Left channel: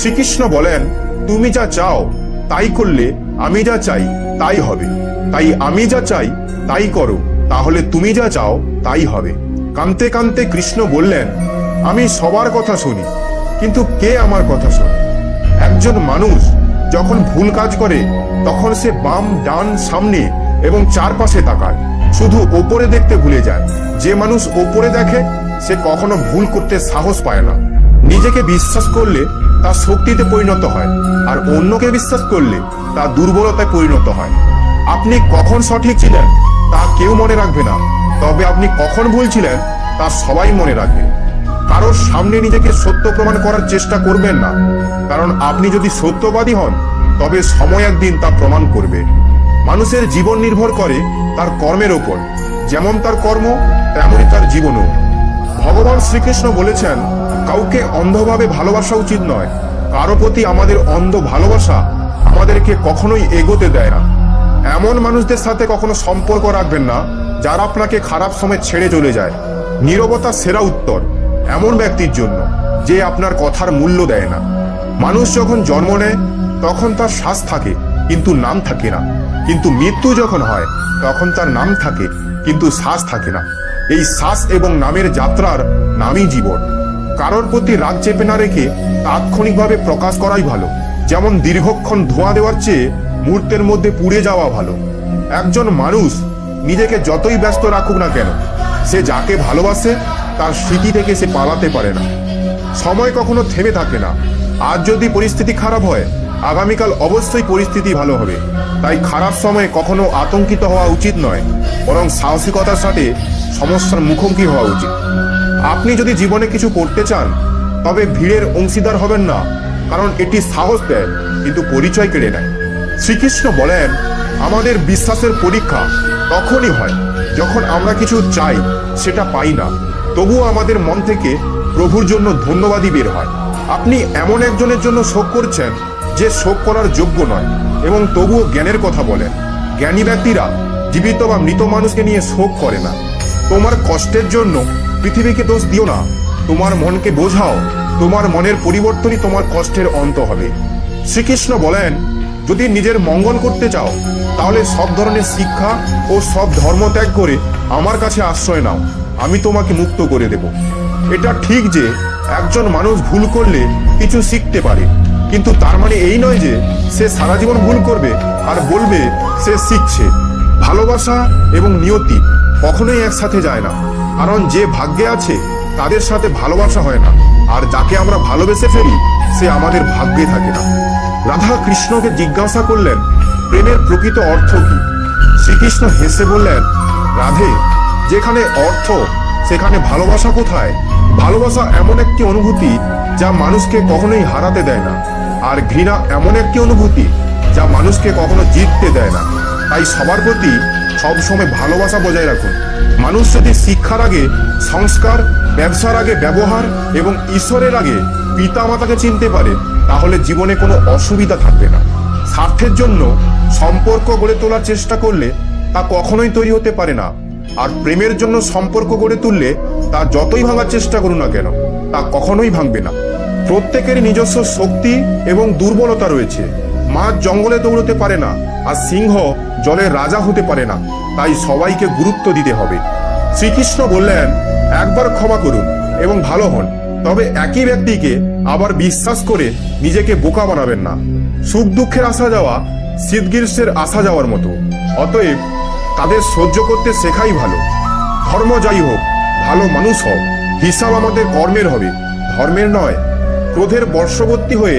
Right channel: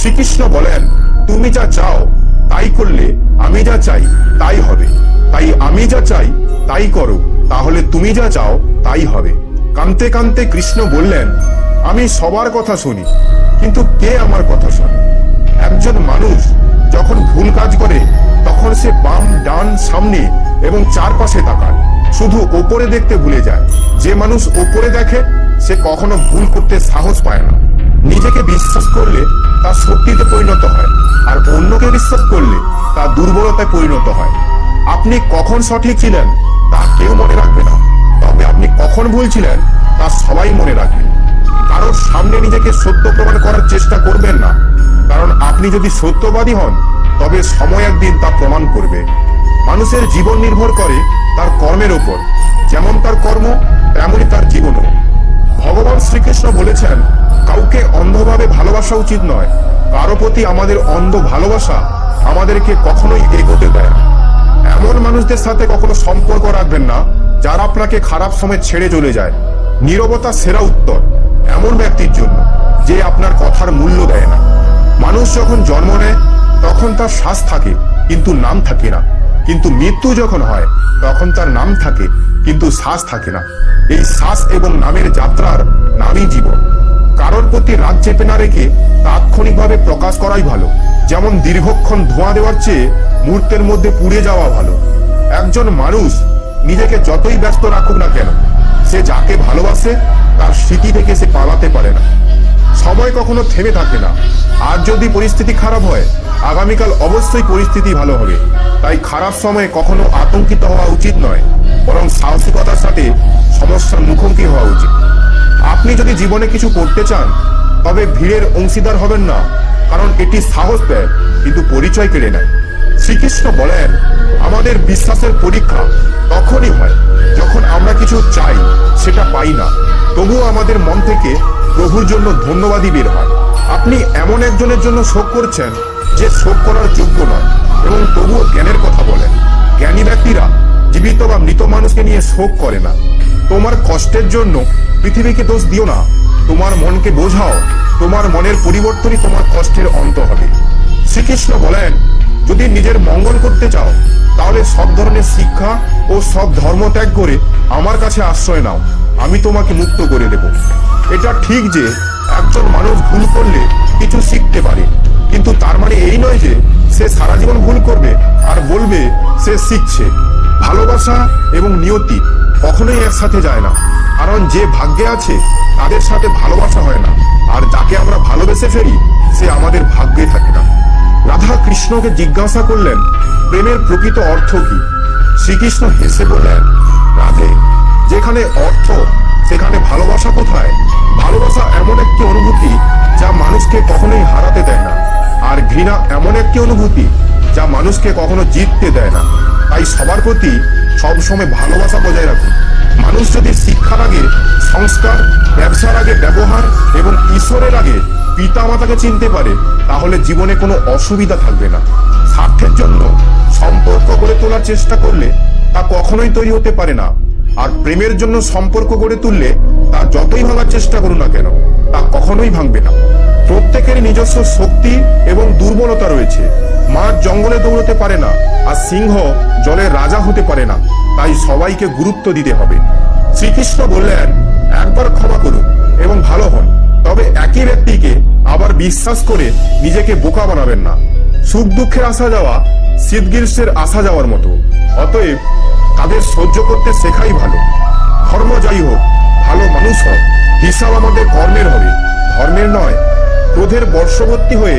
শ্রীকৃষ্ণ বলেন, তুমি যা চাও তাই করলে আমি যা চাই তাই হবে। তাই আমি যা চাই তাই করো, তাহলে তুমি যা চাও তাই হবে। কাঁদতে কাঁদতে কৃষ্ণ বললেন, আমি সবার কথা শুনি, কিন্তু কে আমার কথা শোনে? একজন মানুষ যখন ভুল কাজ করে তখন সে বাম ডান সামনে এবং চারপাশে তাকায়, শুধু ওপরে দেখতে ভুলে যায়। যে মানুষ ওপরে দেখে সে কখনো ভুল করতে সাহস পায় না। নিজেকে বিশ্বাস করলে তা শক্তিতে পরিণত হয়, আর অন্যকে বিশ্বাস করলে তা দুর্বলতায় পরিণত হয়। আপনি কখন সঠিক ছিলেন তা কেউ মনে রাখবে না, তবে আপনি কখন ভুল ছিলেন তা সবাই মনে রাখবে। কারোর সামনে নিজেকে সত্য প্রমাণ করার চেষ্টা করবেন না, কারণ আপনি যদি সত্যবাদী হন তবে সময় একদিন তা প্রমাণ করবে। মানুষের জীবন নির্ভর করে তার কর্মের ওপর, যেমন তার কর্ম তেমনই তার জীবনও। ভগবান শ্রীকৃষ্ণ বলেছেন, কাউকে অন্ধভাবে ভালোবাসা উচিত নয়। কারো প্রতি আমাদের অন্ধ ভালোবাসা আমাদেরকে কখনোই এগোতে দেয় না। এমন মানুষদের সাথে কখনো সম্পর্ক রাখবেন না যারা আপনাকে খারাপ সময় ছেড়ে চলে যায়। নীরবতা সেরা উত্তর এমন ব্যক্তির জন্য যে আপনার কথার মূল্য দেয় না। মানুষ যখন জন্ম নেয় তখন তার শ্বাস থাকে কিন্তু নাম থাকে না, কিন্তু মৃত্যু যখন হয় তখন তার নাম থাকে কিন্তু শ্বাস থাকে না। এই শ্বাস এবং নামের যাত্রার নামই জীবন। কারোর প্রতি রাগ চেপে না রেখে তাৎক্ষণিকভাবে প্রকাশ করাই ভালো। যেমন দীর্ঘক্ষণ ধোঁয়া দেওয়ার চেয়ে মুহূর্তের মধ্যে পুড়ে যাওয়া ভালো। একজন মানুষ নিজেকে যতই ব্যস্ত রাখুক না কেন, সে যাকে ভালোবাসে তার স্মৃতি থেকে সে পালাতে পারে না। সময় কখনো থেমে থাকে না। আজ যদি পরিস্থিতি খারাপ হয়, আগামীকাল অবশ্যই পরিস্থিতি ভালো হবে। তাই খারাপ সময়ে কখনো আতঙ্কিত হওয়া উচিত নয়, বরং সাহসিকতার সাথে সমস্যার মুখোমুখি হওয়া উচিত। আপনি যদি জীবনে কিছু করতে চান তবে ভিড়ের অংশীদার হবেন না, কারণ এটি সাহস দেয় কিন্তু পরিচয় কেড়ে নেয়। শ্রীকৃষ্ণ বলেন, আমাদের বিশ্বাসের পরীক্ষা তখনই হয় যখন আমরা কিছু চাই সেটা পাই না, তবুও আমাদের মন থেকে প্রভুর জন্য ধন্যবাদই বের হয়। আপনি এমন একজনের জন্য শোক করছেন যে শোক করার যোগ্য নয় এবং তবুও জ্ঞানের কথা বলেন। জ্ঞানী ব্যক্তিরা জীবিত বা মৃত মানুষকে নিয়ে শোক করে না। তোমার কষ্টের জন্য পৃথিবীকে দোষ দিও না, তোমার মনকে বোঝাও। তোমার মনের পরিবর্তনই তোমার কষ্টের অন্ত হবে। শ্রীকৃষ্ণ বলেন, যদি নিজের মঙ্গল করতে চাও তাহলে সব ধরনের শিক্ষা ও সব ধর্ম ত্যাগ করে আমার কাছে আশ্রয় নাও, আমি তোমাকে মুক্ত করে দেব। এটা ঠিক যে একজন মানুষ ভুল করলে কিছু শিখতে পারে, কিন্তু তার মানে এই নয় যে সে সারা জীবন ভুল করবে আর বলবে সে শিখছে। ভালোবাসা এবং নিয়তি কখনোই একসাথে যায় না, কারণ যে ভাগ্যে আছে তাদের সাথে ভালোবাসা হয় না, আর যাকে আমরা ভালোবেসে ফেলি সে আমাদের ভাগ্যে থাকে না। রাধা কৃষ্ণকে জিজ্ঞাসা করলেন, প্রেমের প্রকৃত অর্থ কি? শ্রীকৃষ্ণ হেসে বললেন, রাধে, যেখানে অর্থ সেখানে ভালোবাসা কোথায়? ভালোবাসা এমন একটি অনুভূতি যা মানুষকে কখনোই হারাতে দেয় না, আর ঘৃণা এমন একটি অনুভূতি যা মানুষকে কখনো জিততে দেয় না। তাই সবার প্রতি সবসময় ভালোবাসা বজায় রাখুন। মানুষ যদি শিক্ষার আগে সংস্কার, ব্যবসার আগে ব্যবহার এবং ঈশ্বরের আগে পিতা মাতাকে চিনতে পারে, তাহলে জীবনে কোনো অসুবিধা থাকবে না। স্বার্থের জন্য সম্পর্ক গড়ে তোলার চেষ্টা করলে তা কখনোই তৈরি হতে পারে না, আর প্রেমের জন্য সম্পর্ক গড়ে তুললে তা যতই ভাঙার চেষ্টা করুন না কেন তা কখনোই ভাঙবে না। প্রত্যেকেরই নিজস্ব শক্তি এবং দুর্বলতা রয়েছে। মাছ জঙ্গলে দৌড়তে পারে না, আর সিংহ জলের রাজা হতে পারে না। তাই সবাইকে গুরুত্ব দিতে হবে। শ্রীকৃষ্ণ বললেন, একবার ক্ষমা করুন এবং ভালো হন, তবে একই ব্যক্তিকে আবার বিশ্বাস করে নিজেকে বোকা বানাবেন না। সুখ দুঃখের আসা যাওয়া শীত গ্রীষ্মের আসা যাওয়ার মতো, অতএব তাদের সহ্য করতে শেখাই ভালো। ধর্ম যাই হোক, ভালো মানুষ হোক, হিসাব আমাদের কর্মের হবে, ধর্মের নয়। ক্রোধের বর্ষবর্তী হয়ে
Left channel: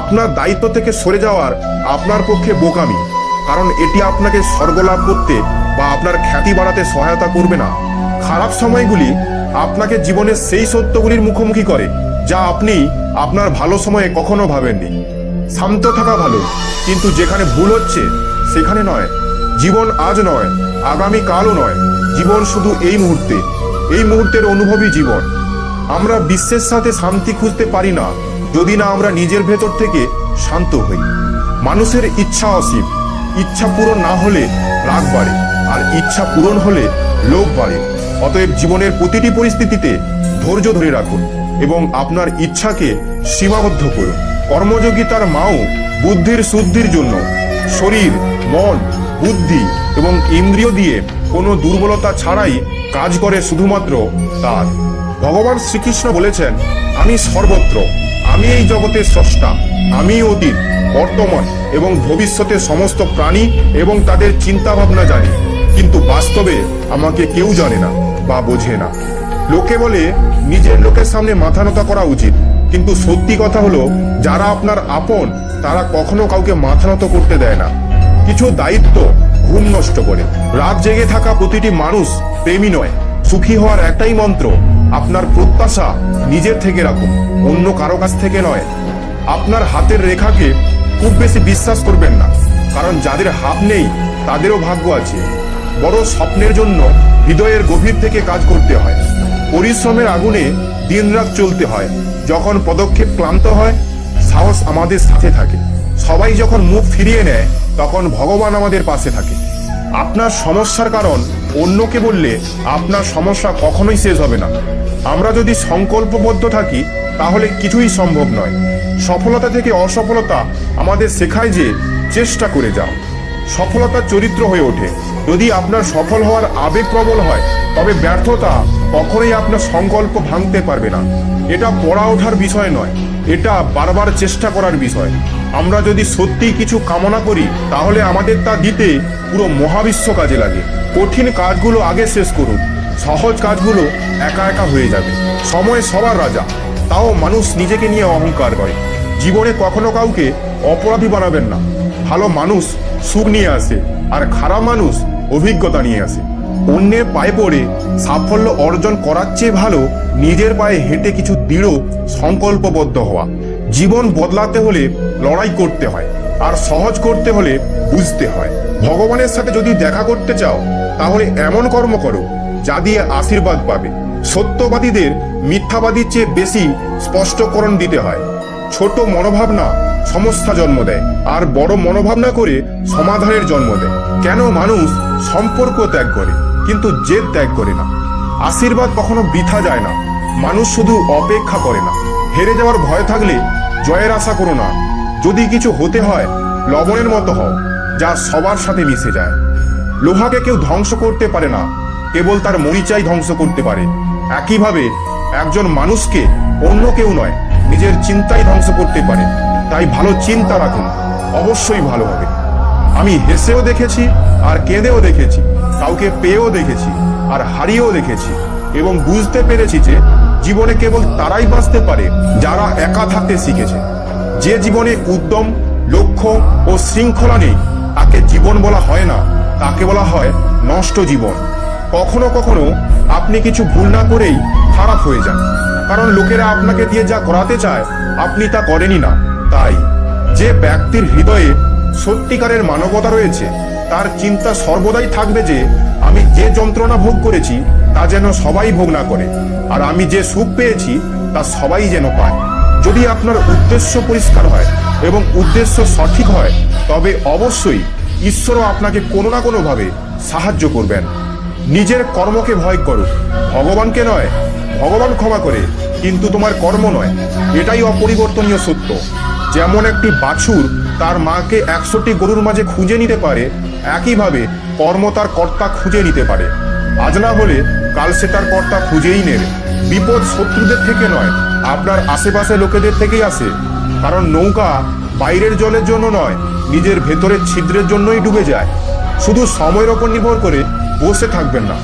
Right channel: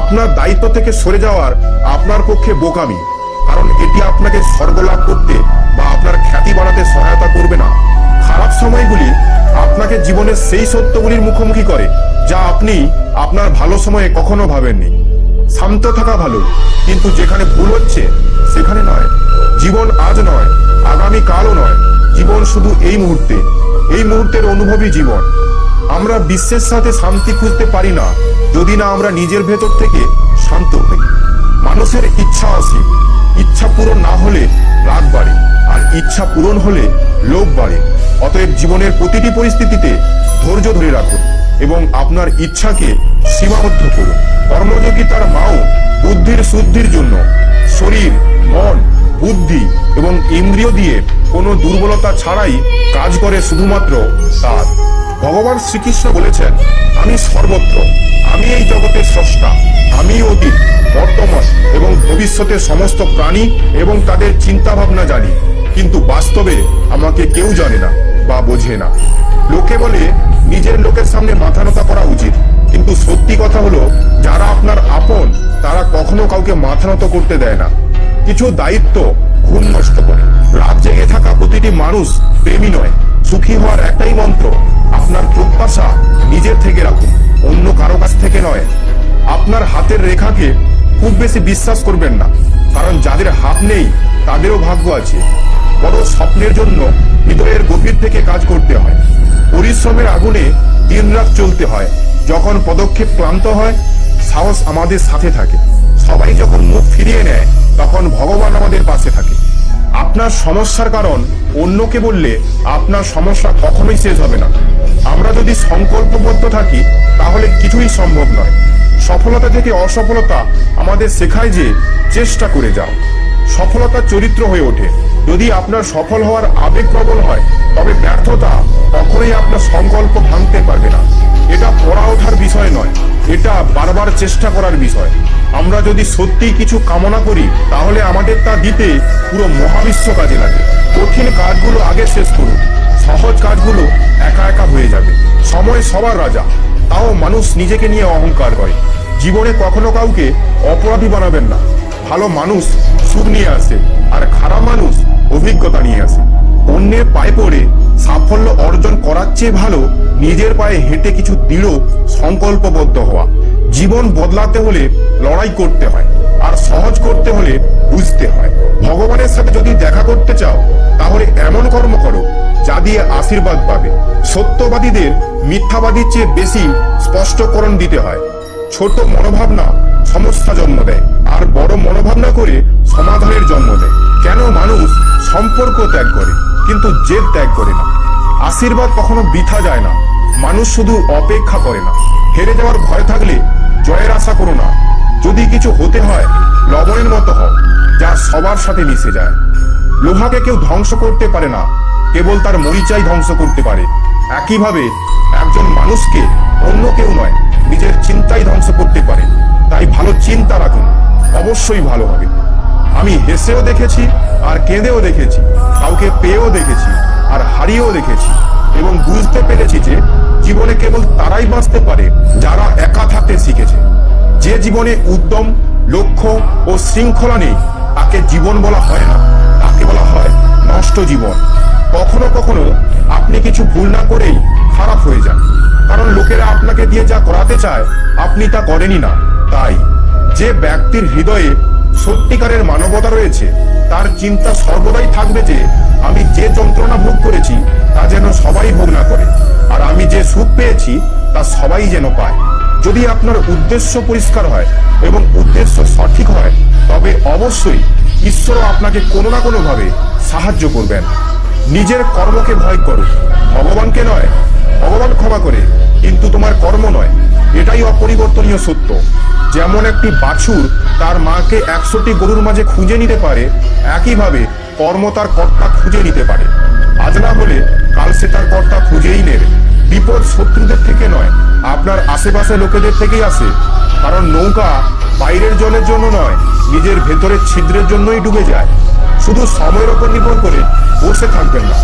আপনার দায়িত্ব থেকে সরে যাওয়ার আপনার পক্ষে বোকামি, কারণ এটি আপনাকে স্বর্গলাভ করতে বা আপনার খ্যাতি বাড়াতে সহায়তা করবে না। খারাপ সময়গুলি আপনাকে জীবনের সেই সত্যগুলির মুখোমুখি করে যা আপনি আপনার ভালো সময়ে কখনো ভাবেননি। শান্ত থাকা ভালো, কিন্তু যেখানে ভুল হচ্ছে সেখানে নয়। জীবন আজ নয়, আগামী কালও নয়, জীবন শুধু এই মুহূর্তে। এই মুহূর্তের অনুভবই জীবন। আমরা বিশ্বের সাথে শান্তি খুঁজতে পারি না যদি না আমরা নিজের ভেতর থেকে শান্ত হই। মানুষের ইচ্ছা অসীম, ইচ্ছা পূরণ না হলে রাগ বাড়ে, আর ইচ্ছা পূরণ হলে লোভ বাড়ে। অতএব জীবনের প্রতিটি পরিস্থিতিতে ধৈর্য ধরে রাখুন এবং আপনার ইচ্ছাকে সীমাবদ্ধ করুন। কর্মযোগী তার মাও বুদ্ধির শুদ্ধির জন্য শরীর, মন, বুদ্ধি এবং ইন্দ্রিয় দিয়ে কোনো দুর্বলতা ছাড়াই কাজ করে শুধুমাত্র তার। ভগবান শ্রীকৃষ্ণ বলেছেন, আমি সর্বত্র, আমি এই জগতের স্রষ্টা, আমি অতীত, বর্তমান এবং ভবিষ্যতের সমস্ত প্রাণী এবং তাদের চিন্তা ভাবনা জানি, কিন্তু বাস্তবে আমাকে কেউ জানে না বা বোঝে না। লোকে বলে নিজের লোকের সামনে মাথা নত করা উচিত, কিন্তু সত্যি কথা হলো যারা আপনার আপন তারা কখনো কাউকে মাথা নত করতে দেয় না। কিছু দায়িত্ব ঘুম নষ্ট করে। রাত জেগে থাকা প্রতিটি মানুষ প্রেমী নয়। সুখী হওয়ার একটাই মন্ত্র, আপনার প্রত্যাশা নিজের থেকে রাখুন, অন্য কারো কাছ থেকে নয়। আপনার হাতের রেখাকে খুব বেশি বিশ্বাস করবেন না, কারণ যাদের হাত নেই তাদেরও ভাগ্য আছে। বড় স্বপ্নের জন্য হৃদয়ের গভীর থেকে কাজ করতে হয়। পরিশ্রমের আগুনে দিনরাত চলতে হয়। যখন পদক্ষেপ ক্লান্ত হয়, সাহস আমাদের সাথে থাকে। সবাই যখন মুখ ফিরিয়ে নেয়, তখন ভগবান আমাদের পাশে থাকে। আপনার সমস্যার কারণ অন্যকে বললে আপনার সমস্যা কখনোই শেষ হবে না। আমরা যদি সংকল্পবদ্ধ থাকি তাহলে কিছুই সম্ভব নয়। সফলতা থেকে অসফলতা আমাদের শেখায় যে চেষ্টা করে যাও। সফলতা চরিত্র হয়ে ওঠে। যদি আপনার সফল হওয়ার আবেগ প্রবল হয়, তবে ব্যর্থতা কখনোই আপনার সংকল্প ভাঙতে পারবে না। এটা পড়া ওঠার বিষয় নয়, এটা বারবার চেষ্টা করার বিষয়। আমরা যদি সত্যিই কিছু কামনা করি, তাহলে আমাদের তা দিতে পুরো মহাবিশ্ব কাজে লাগে। কঠিন কাজগুলো আগে শেষ করুন, সহজ কাজগুলো একা একা হয়ে যাবে। সময় সবার রাজা, তাও মানুষ নিজেকে নিয়ে অহংকার করে। জীবনে কখনো কাউকে অপরাধী বানাবেন না। ভালো মানুষ সুখ নিয়ে আসে, আর খারাপ মানুষ অভিজ্ঞতা নিয়ে আসে। অন্যের পায়ে পড়ে সাফল্য অর্জন করার চেয়ে ভালো নিজের পায়ে হেঁটে কিছু দৃঢ় সংকল্পবদ্ধ হওয়া। জীবন বদলাতে হলে লড়াই করতে হয়, আর সহজ করতে হলে বুঝতে হয়। ভগবানের সাথে যদি দেখা করতে চাও, তাহলে এমন কর্ম করো যা দিয়ে আশীর্বাদ পাবে। সত্যবাদীদের মিথ্যাবাদীর চেয়ে বেশি স্পষ্টকরণ দিতে হয়। ছোট মনোভাবনা সমস্যা জন্ম দেয়, আর বড় মনোভাবনা করে সমাধানের জন্ম দেয়। কেন মানুষ সম্পর্ক ত্যাগ করে কিন্তু জেদ ত্যাগ করে না? আশীর্বাদ কখনো বৃথা যায় না। মানুষ শুধু অপেক্ষা করে না। হেরে যাওয়ার ভয় থাকলে জয়ের আশা করো না। যদি কিছু হতে হয়, লবণের মতো হও, যা সবার সাথে মিশে যায়। লোহাকে কেউ ধ্বংস করতে পারে না, কেবল তার মরিচাই ধ্বংস করতে পারে। একইভাবে একজন মানুষকে অন্য কেউ নয়, নিজের চিন্তাই ধ্বংস করতে পারে। তাই ভালো চিন্তা রাখুন, অবশ্যই ভালো হবে। আমি হেসেও দেখেছি আর কেঁদেও দেখেছি, কাউকে পেয়েও দেখেছি আর হারিয়েও দেখেছি, এবং বুঝতে পেরেছি যে জীবনে কেবল তারাই বাঁচতে পারে যারা একা থাকতে শিখেছে। যে জীবনে উদ্যম, লক্ষ্য ও শৃঙ্খলা নেই, তাকে জীবন বলা হয় না, তাকে বলা হয় নষ্ট জীবন। কখনো কখনো আপনি কিছু ভুল না করেই খারাপ হয়ে যান, কারণ লোকেরা আপনাকে দিয়ে যা করাতে চায় আপনি তা করেনই না। তাই যে ব্যক্তির হৃদয়ে সত্যিকারের মানবতা রয়েছে, তার চিন্তা সর্বদাই থাকবে যে আমি যে যন্ত্রণা ভোগ করেছি তা যেন সবাই ভোগ না করে, আর আমি যে সুখ পেয়েছি তা সবাই যেন পায়। যদি আপনার উদ্দেশ্য পরিষ্কার হয় এবং উদ্দেশ্য সঠিক হয়, তবে অবশ্যই ঈশ্বরও আপনাকে কোনো না কোনো ভাবে সাহায্য করবেন। নিজের কর্মকে ভয় করো, ভগবানকে নয়। ভগবান ক্ষমা করে, কিন্তু তোমার কর্ম নয়। এটাই অপরিবর্তনীয় সত্য। যেমন একটি বাছুর তার মাকে 100টি গরুর মাঝে খুঁজে নিতে পারে, একইভাবে কর্ম তার কর্তা খুঁজে নিতে পারে। আজ না হলে কাল সে তার কর্তা খুঁজেই নেবে। বিপদ শত্রুদের থেকে নয়, আপনার আশেপাশে লোকেদের থেকেই আসে। কারণ নৌকা বাইরের জলের জন্য নয়, নিজের ভেতরের ছিদ্রের জন্যই ডুবে যায়। শুধু সময়ের ওপর নির্ভর করে বসে থাকবেন না।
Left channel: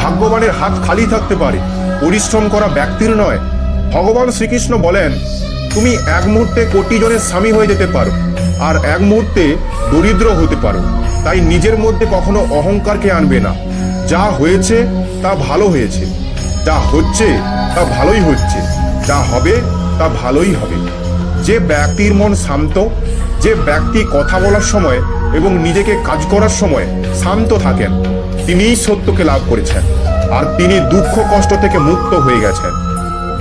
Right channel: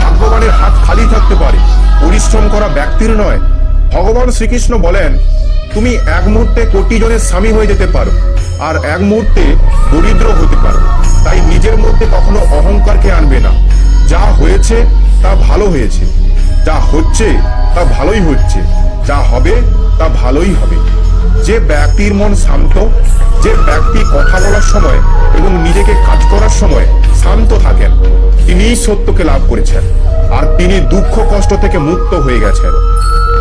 ভাগ্যবানের হাত খালি থাকতে পারে, পরিশ্রম করা ব্যক্তির নয়। ভগবান শ্রীকৃষ্ণ বলেন, তুমি এক মুহূর্তে কোটি জনের স্বামী হয়ে যেতে পারো, আর এক মুহূর্তে দরিদ্র হতে পারো। তাই নিজের মধ্যে কখনো অহংকারকে আনবে না। যা হয়েছে তা ভালো হয়েছে, যা হচ্ছে তা ভালোই হচ্ছে, যা হবে তা ভালোই হবে। যে ব্যক্তির মন শান্ত, যে ব্যক্তি কথা বলার সময় এবং নিজেকে কাজ করার সময় শান্ত থাকেন, তিনিই সত্যকে লাভ করেছেন, আর তিনি দুঃখ কষ্ট থেকে মুক্ত হয়ে গেছেন।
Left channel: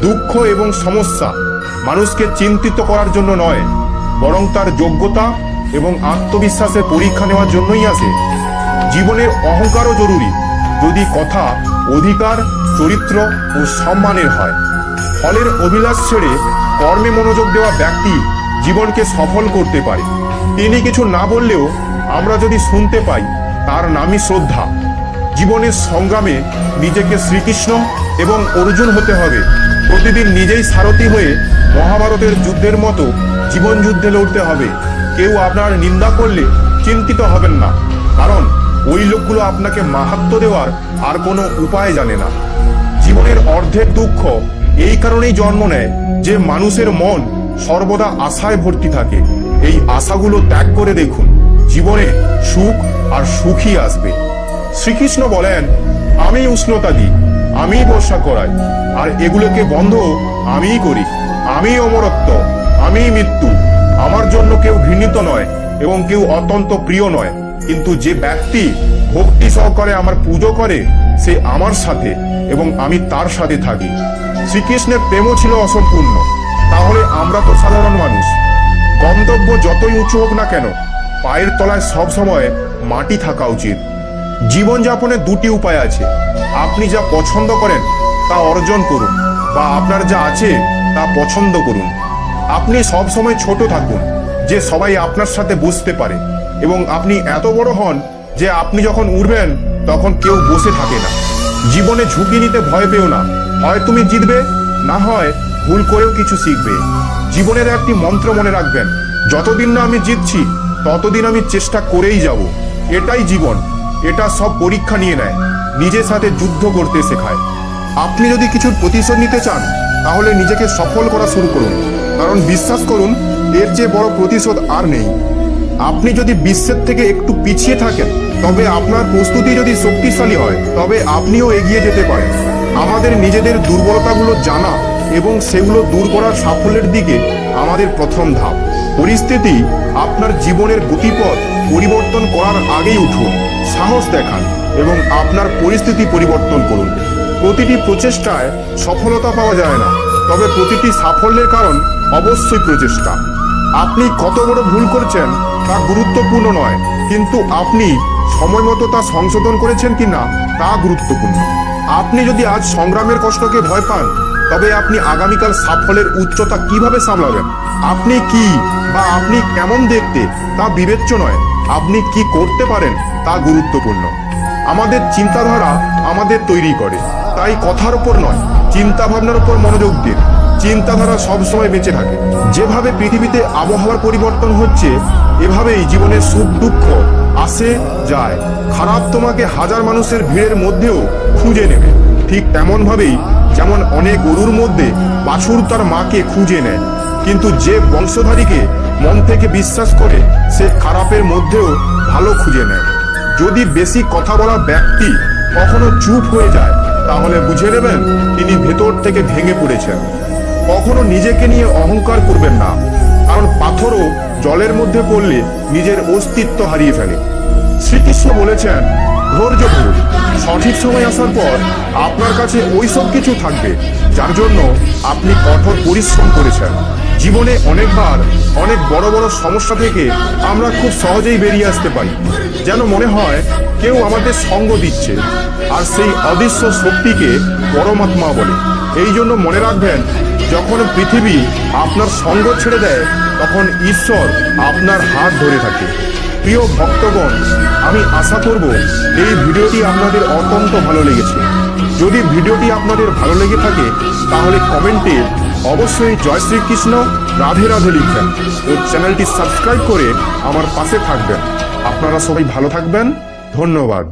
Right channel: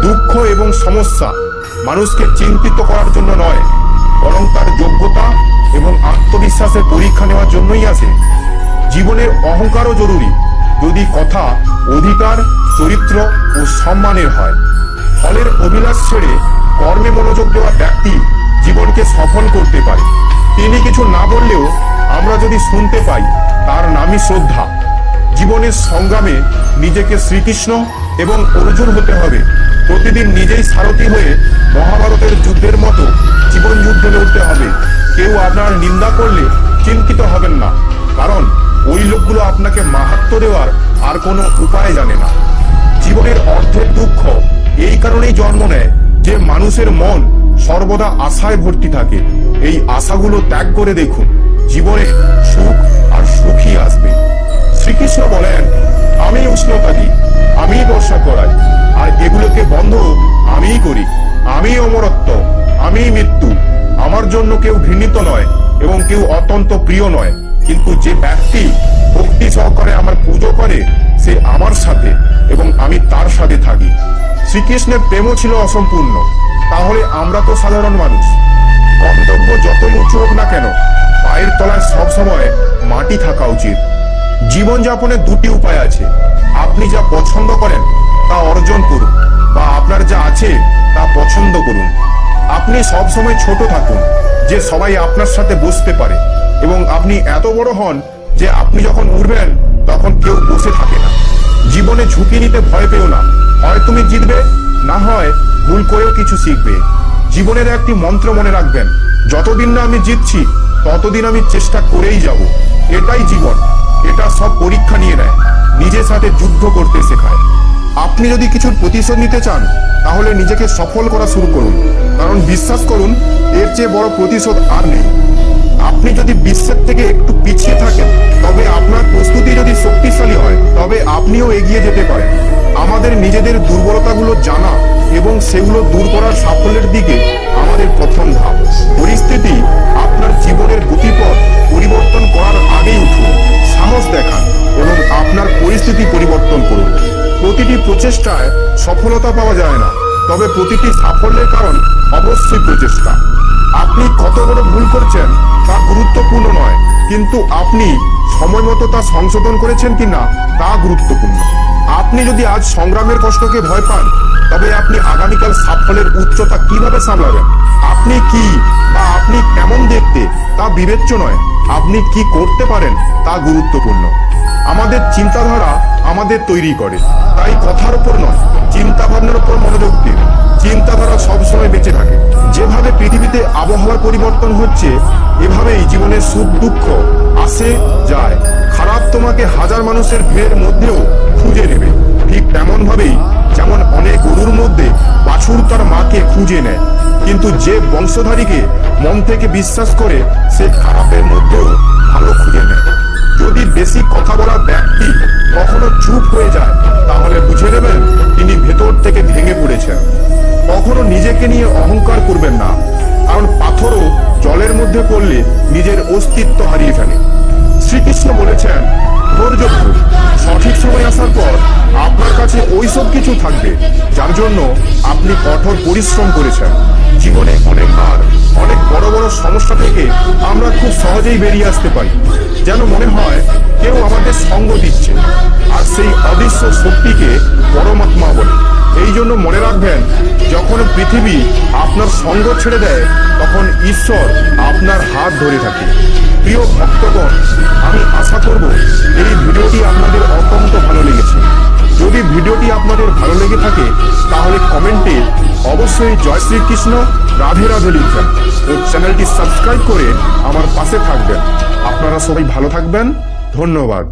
দুঃখ এবং সমস্যা মানুষকে চিন্তিত করার জন্য নয়, বরং তার যোগ্যতা এবং আত্মবিশ্বাসের পরীক্ষা নেওয়ার জন্যই আসে। জীবনের অহংকারও জরুরি, যদি কথা অধিকার, চরিত্র ও সম্মানের হয়। ফলের অভিলাষ ছেড়ে কর্মে মনোযোগ দেওয়া ব্যক্তি জীবনকে সফল করতে পারে। তিনি কিছু না বললেও আমরা যদি শুনতে পাই, তার নামই শ্রদ্ধা। জীবনের সংগ্রামে নিজেকে শ্রীকৃষ্ণ এবং অর্জুন হতে হবে। প্রতিদিন নিজেই সারথি হয়ে মহাভারতের যুদ্ধের মতো জীবন যুদ্ধে লড়তে হবে। কেউ আপনার নিন্দা করলে চিন্তিত হবেন না, কারণ ওই লোকগুলো আপনাকে মাহাত্ম্য দেওয়ার আর কোনো উপায় জানে না। জীবনের অর্ধেক দুঃখ এই কারণেই জন্ম নেয় যে মানুষের মন সর্বদা আশায় ভর্তি থাকে। এই আশাগুলো ত্যাগ করে দেখুন, জীবনে সুখ আর সুখই আসবে। শ্রীকৃষ্ণ বলেন, আমি উষ্ণতা দিই, আমি বর্ষা করাই, আর এগুলোকে বন্ধ আমিই করি। আমি অমরত্ব, আমি মৃত্যু। আমার জন্য কেউ ঘৃণিত নয় এবং কেউ অত্যন্ত প্রিয় নয়, কিন্তু যে ব্যক্তি ভক্তি সহকারে আমার পুজো করে সে আমার সাথে এবং আমি তার সাথে থাকি। শ্রীকৃষ্ণের প্রেমও ছিল অসম্পূর্ণ, তাহলে আমরা তো সাধারণ মানুষ। গন্তব্য যতই উঁচু হোক না কেন, পায়ের তলায় সব সময় মাটি থাকা উচিত। জীবনযাপনের দুটি উপায় আছে। আপনি যা পছন্দ করেন তা অর্জন করুন, বা আপনার যা আছে তা পছন্দ করুন। আপনি সব সময় ছোট থাকুন, যে সবাই আপনার সাথে বসতে পারে, এবং আপনি এত বড় হন যে আপনি যখন উঠবেন তখন কেউ বসে থাকে না। জীবনে ঝুঁকি নিতে ভয় পেও না, হয় তুমি জিতবে, না হয় ভুল করেও কিছু শিখবে। জীবনের একটি মন্ত্র মনে রাখবেন, যতদিন না আমি জিতছি ততদিন আমি চেষ্টা করেই যাব। এটাই জীবন, এটা সব পরীক্ষা নিয়ে নেয়, নিজের সাথে যুদ্ধ করতে শেখায়। আপনি যদি কিছুর প্রতিশোধ নিতে চান তাহলে নিজেকে সফল করা শুরু করুন, কারণ বিশ্বাস করুন এর চেয়ে বড় প্রতিশোধ আর নেই। আপনি যদি বিশ্বের থেকে একটু পিছিয়ে থাকেন, তবে আপনার প্রস্তুতি যদি শক্তিশালী হয় তবে আপনিও এগিয়ে যেতে পারেন। আমাদের নিজেদের দুর্বলতাগুলো জানা এবং সেগুলো দূর করার সাফল্যের দিকে আমাদের প্রথম ধাপ। পরিস্থিতি আপনার জীবনের গতিপথ পরিবর্তন করার আগেই উঠুন, সাহস দেখান এবং আপনার পরিস্থিতি পরিবর্তন করুন। প্রতিটি প্রচেষ্টায় সফলতা পাওয়া যায় না, তবে প্রতিটি সাফল্যের কারণ অবশ্যই প্রচেষ্টা। আপনি কত বড় ভুল করছেন তা গুরুত্বপূর্ণ নয়, কিন্তু আপনি সময় মতো তা সংশোধন করেছেন কিনা তা গুরুত্বপূর্ণ। আপনি যদি আজ সংগ্রামের কষ্টকে ভয় পান, তবে আপনি আগামীকাল সাফল্যের উচ্চতা কিভাবে সামলাবেন? আপনি কি বা আপনি কেমন দেখতে তা বিবেচ্য নয়, আপনি কি করতে পারেন তা গুরুত্বপূর্ণ। আমাদের চিন্তাধারা আমাদের তৈরি করে, তাই কথার উপর নয়, চিন্তা ভাবনার উপর মনোযোগ দিন। চিন্তাধারা সবসময় বেঁচে থাকে। যেভাবে পৃথিবীতে আবহাওয়ার পরিবর্তন হচ্ছে, এভাবেই জীবনের সুখ দুঃখ আসে যায়। খারাপ তোমাকে হাজার মানুষের ভিড়ের মধ্যেও খুঁজে নেবে, ঠিক তেমন ভাবেই যেমন অনেক গরুর মধ্যে বাছুর তার মাকে খুঁজে নেয়, কিন্তু যে বংশধারীকে মন থেকে বিশ্বাস করে সে খারাপের মধ্যেও ভালো খুঁজে নেয়। যদি বেশি কথা বলা ব্যক্তি কখনো চুপ হয়ে যায়, তাহলে বুঝে নেবেন তিনি ভেতর থেকে ভেঙে পড়েছেন। কখনো নিজেকে নিয়ে অহংকার করবেন না, কারণ পাথরও জলের মধ্যে পড়লে নিজের অস্তিত্ব হারিয়ে ফেলে। শ্রীকৃষ্ণ বলেছেন, ধৈর্য ধরুন, সঠিক সময় আসার পর আপনার কাছে ওই সব কিছু থাকবে যার জন্য আপনি কঠোর পরিশ্রম করেছেন। জীবনে অনেকবার অনেক বড় বড় সমস্যা থেকে আমরা খুব সহজেই বেরিয়ে আসতে পারি, যেন মনে হয় কেউ আমাদের সঙ্গ দিচ্ছে, আর সেই অদৃশ্য শক্তিকে পরমাত্মা বলে। এই জন্য মনে রাখবেন, যখন পৃথিবী আপনার সঙ্গ ছেড়ে দেয়, তখন ঈশ্বর আপনার হাত ধরে থাকে। প্রিয় ভক্তগণ, আমি আশা করব এই ভিডিওটি আপনাদের অত্যন্ত ভালো লেগেছে। যদি ভিডিওটি আপনাদের ভালো লেগে থাকে তাহলে কমেন্টে অবশ্যই জয় শ্রীকৃষ্ণ, রাধে রাধে লিখবেন ও চ্যানেলটি সাবস্ক্রাইব করে আমার পাশে থাকবেন। আপনারা সবাই ভালো থাকবেন, ধন্যবাদ।